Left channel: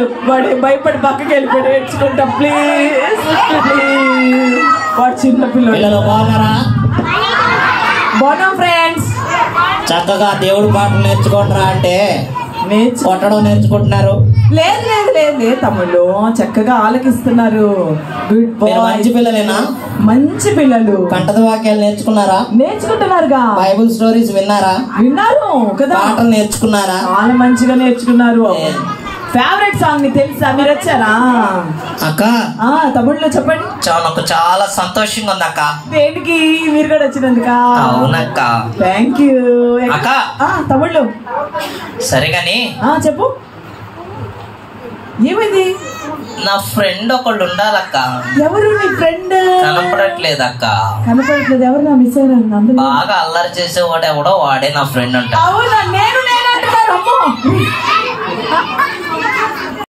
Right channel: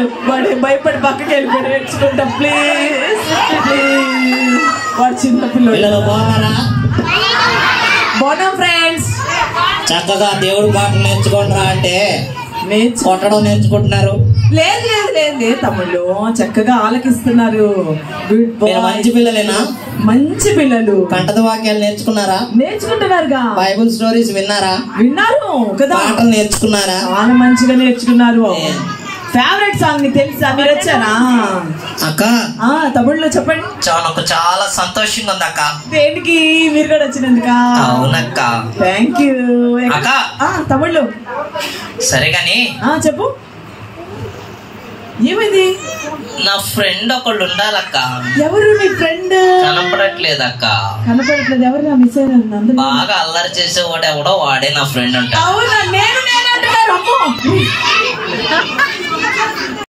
పిల్లలు వాడు భయపడి పక్కకి వెళ్ళిపోయి నేర్చుకుంటా ప్లీజ్ ప్లీజ్. వాడు చిన్న పిల్లలు. బాగున్నారా? బాగున్నాం ఫ్రెండ్స్. చక్కగా దేవుడు పాటలు నేర్చుకుంటారా అంటే కొట్టడం నేర్చుకుంటున్నారు. లేదు లేదు లేదు లేదు తమ్ముళ్ళు, చక్కగా ఆలకిస్తున్నారు. మంచి పిల్లలేనా? మంచి పిల్లలు. కంటద వాక్యాలు నేర్చుకున్నారా? నేర్చుకుంటున్నారుగా. బైబుల్ స్టోరీస్ విన్నారా? విన్నారు కదా. పాటలు నేర్చుకున్నారా? చాలా మంచిగా నేర్చుకున్నారు. ఫేవరెట్ సాంగ్ ని తెలుసా? మీరు వచ్చారా అక్క? తమ్ముళ్ళు చెప్పండి. చాలా సంతోషంగా ఉంది అక్క. దేనికి? మీరు కూడా వచ్చినందుక? అవునక్క. థ్యాంక్ యూ అక్క. తమ్ముళ్ళు సరే గాని చెప్పు, ఏమైంది? నా ఫ్రెండ్ ఒకళ్ళు ఉండాలక్క. ఎవరు నీ ఫ్రెండ్? కనపడట్లేదు అక్క. కనపడట్లేదు. ఎవరు? నా మిస్ అయ్యారు. బాగా అల్లరి చేసేవాడు ఎవడో వాడే నా ఫ్రెండ్ అంట. అవునా? నేను అంటున్నారు.